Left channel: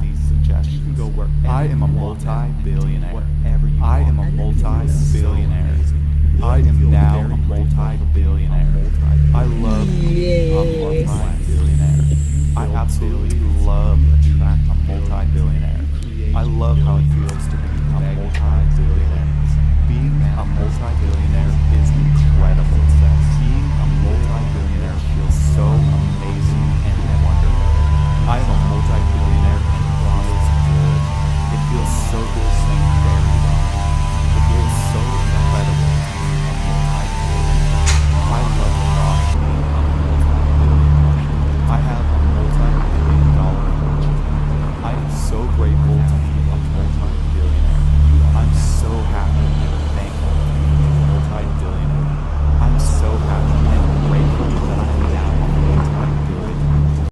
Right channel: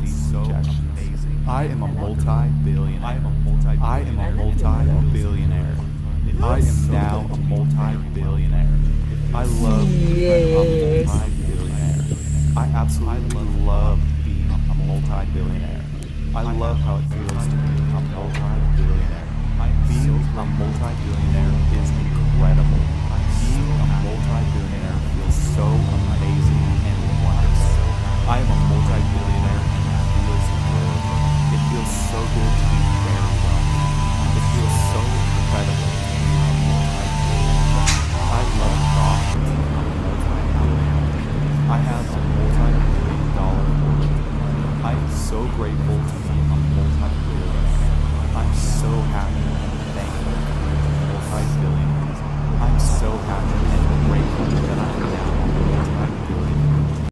these suggestions. I am a multi-billionaire. I am a multi-billionaire. I am now a multi-billionaire. I love being a Yes. multi-billionaire. I absolutely love being a multi-billionaire. I love how it feels to be a multi-billionaire. Being a multi-billionaire is incredible. Being a multi-billionaire feels so amazing and wonderful. I am a multi-billionaire and it feels good. It feels so good to be very wealthy. It feels so incredible to be a multi-billionaire. I love the thought of being a multi-billionaire. I have a multi-billion-dollar fortune. I am so grateful to be a multi-billionaire. I'm so happy and thankful to be a multi-billionaire. I'm so happy and grateful that I am now a multi-billionaire.